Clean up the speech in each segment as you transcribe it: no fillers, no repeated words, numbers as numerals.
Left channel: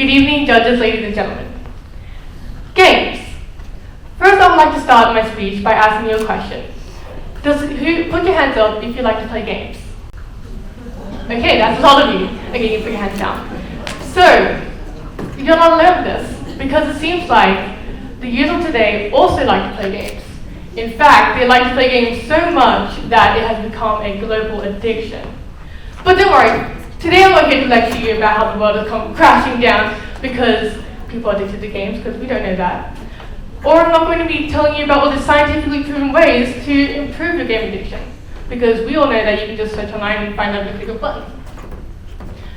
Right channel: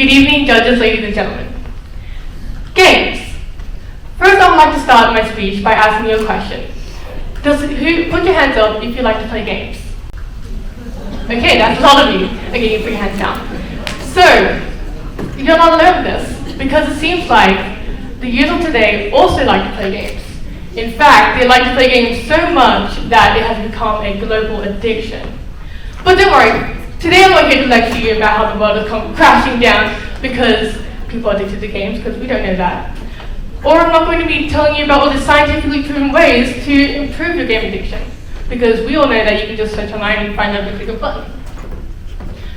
Good evening, judges, ladies and gentlemen. Games. First, I would like to start my speech by asking you a question. Put your hands up if you like to play games. Okay, that's a lot of you. Okay, you put your hands down. So, you're not alone with this, because it seems like the youth of today also like to play games. In fact, they like to play games so much that it has become a global addiction. But don't worry, today I'm not here to lecture you about how the world has come crashing down because people are addicted to games, because we don't know that. Or I'm not going to be telling you about all the scientifically proven ways to improve your game addiction, because we all know that you can just search online and find out the click of a button.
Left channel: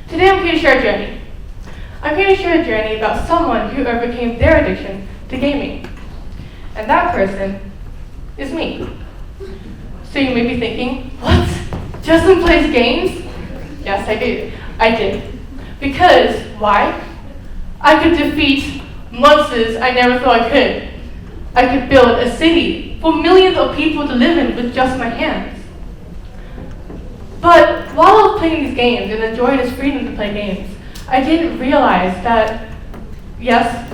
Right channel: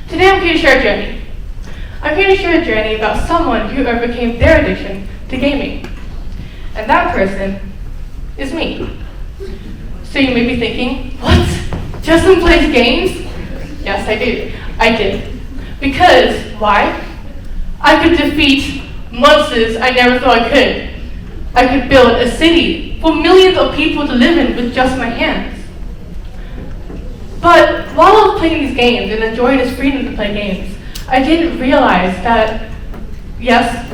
Today I'm here to share a journey. I'm here to share a journey about someone who overcame their addiction to gaming. And that person is me. So you may be thinking, what? Jeslyn plays games? Yes, I do. I did. Because, why? I could defeat monsters I never thought I could. I could build a city for millions of people to live in with just my hands. But while I was playing these games and enjoying this freedom to play games, I didn't realize that, yes,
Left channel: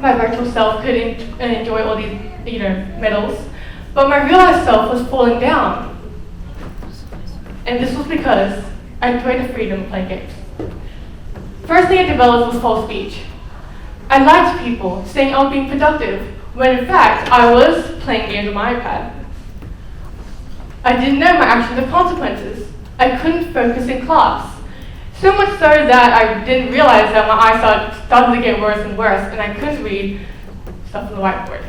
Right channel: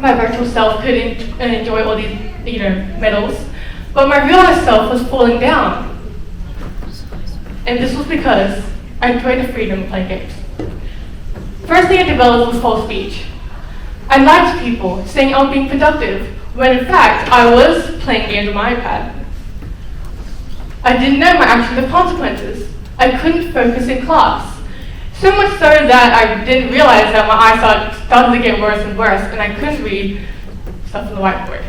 my virtual self could enjoy all these, medals, but my real self was falling down. And this was because I enjoyed the freedom of playing games. First thing I developed was false speech. I lied to people, saying I was being productive, when in fact I was playing games on my iPad. I didn't know my actions had consequences. I couldn't focus in class. So much so that I didn't realize that my eyesight started to get worse and worse, and I couldn't read stuff on the whiteboard.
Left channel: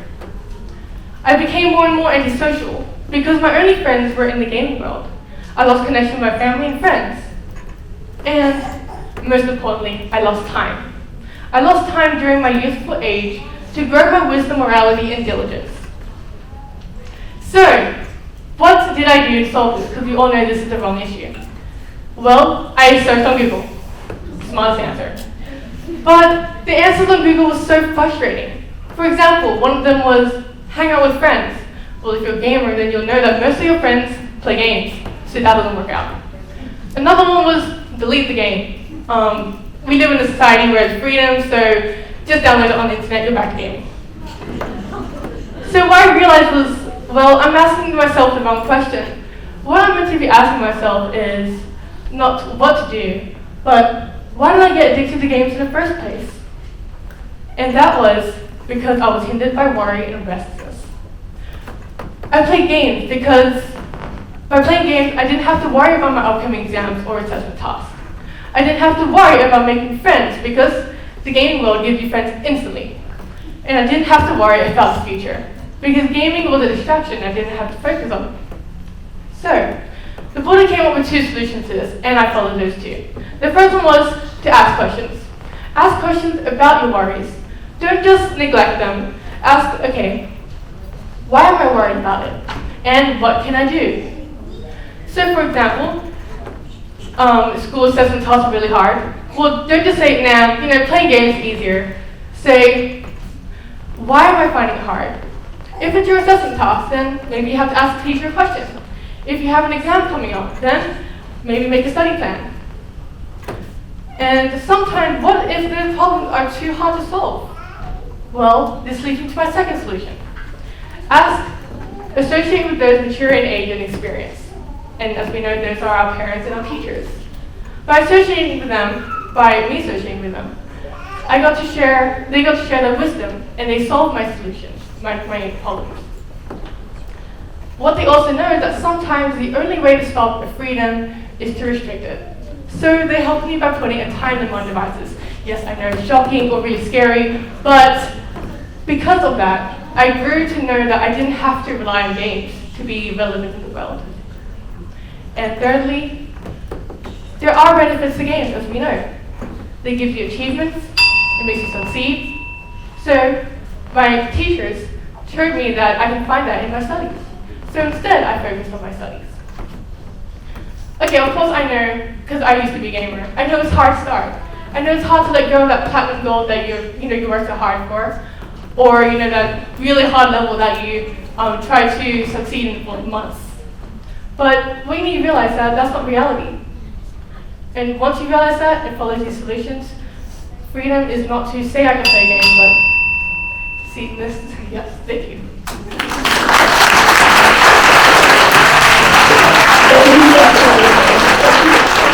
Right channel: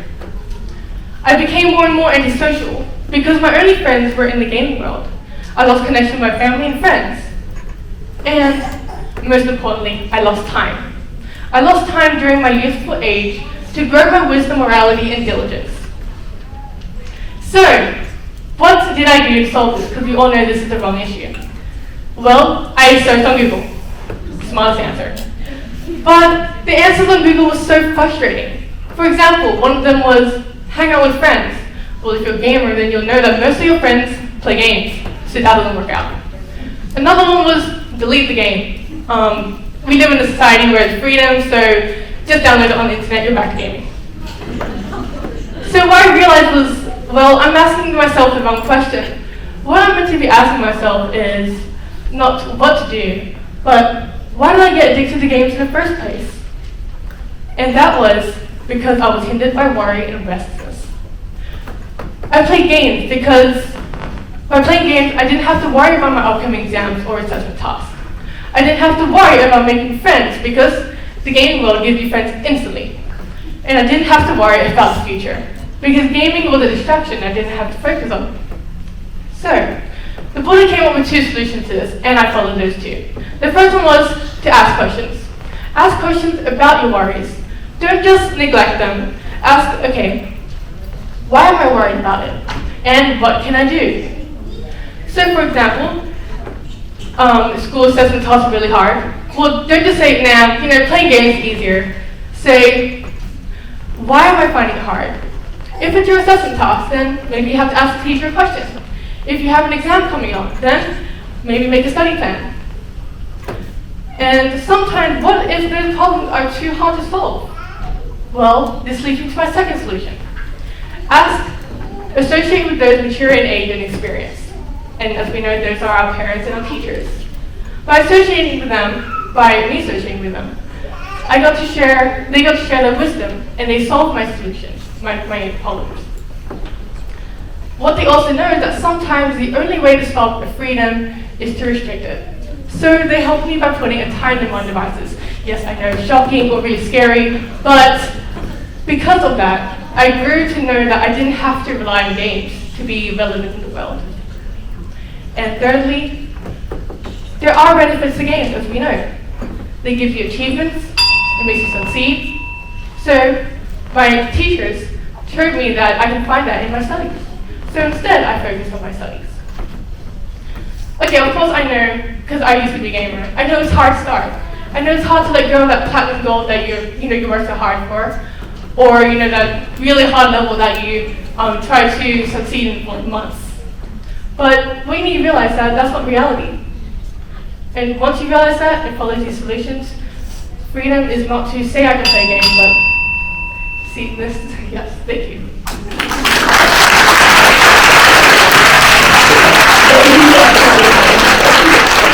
I became more and more antisocial because my only friends were in the gaming world. I lost connection with my family and friends. And most importantly, I lost time. I lost time during my youthful age to grow my wisdom, morality, and diligence. So, what did I do to solve this? Because we all know this is the wrong issue. Well, I searched on Google. Smartest answer. But the answers on Google were so frustrating. For example, one of them was hang out with friends. Well, if you're a gamer, then you'll know that most of your friends play games, so that doesn't work out. Another one was delete the game. We live in a society where it's freedom, so just download it on the internet, you're back to gaming. So what I realized was, well, I'm asking myself the wrong question. What I'm meant to be asking myself is not what to do, but why did I get addicted to games in the first place? And that was because I was hindered by worry and restlessness. I played games because by playing games, I didn't have to worry about my upcoming exams or assessment tasks. I didn't have to worry about making friends because the gaming world gives you friends instantly. And I didn't have to worry about the future because gaming was a distraction I didn't have to focus on. So, the bully came up with two solutions to this, and I followed those two. The first one was to ask questions. Ask questions about your worries. Don't just neglect them. Ask, okay, why am I worried about it? And what can I do? So, for example, school assessment tasks are really hard. Well, don't just say, nah, playing games is easier. Say, why am I finding it hard? If it's your assessment task, then maybe you have to ask the teacher a question. If you have an exam coming up, then maybe make a study plan. And sometimes, what if those problems are too hard to solve? Well, this leads me to my second solution. Associate with those mature in age and experience. And as we know, those are our parents and our teachers. By me associating with them, they got to share their wisdom, and they solved my solutions, my problems. What they also know is that sometimes the only way to stop a freedom is to restrict it. So they helped me by putting a time limit on devices. Yes, I know, shocking or really scary, but because of that, I grew to know that I didn't have to rely on games to be relevant in the world. And thirdly, there are benefits to games, as we know. They give you achievements, it makes you succeed. So my teachers showed me that I can find that in my studies. So instead, I focused on my studies. Okay, of course I know, because I used to be a gamer, I know it's hard to start. I know it's hard to let go of that platinum gold that you worked so hard for, or that really hard level that you try to succeed in for months. But we need to realize that that's not reality. And once you realize that and follow these solutions, freedom is not to say I can play a game, but see this. Yes, thank you.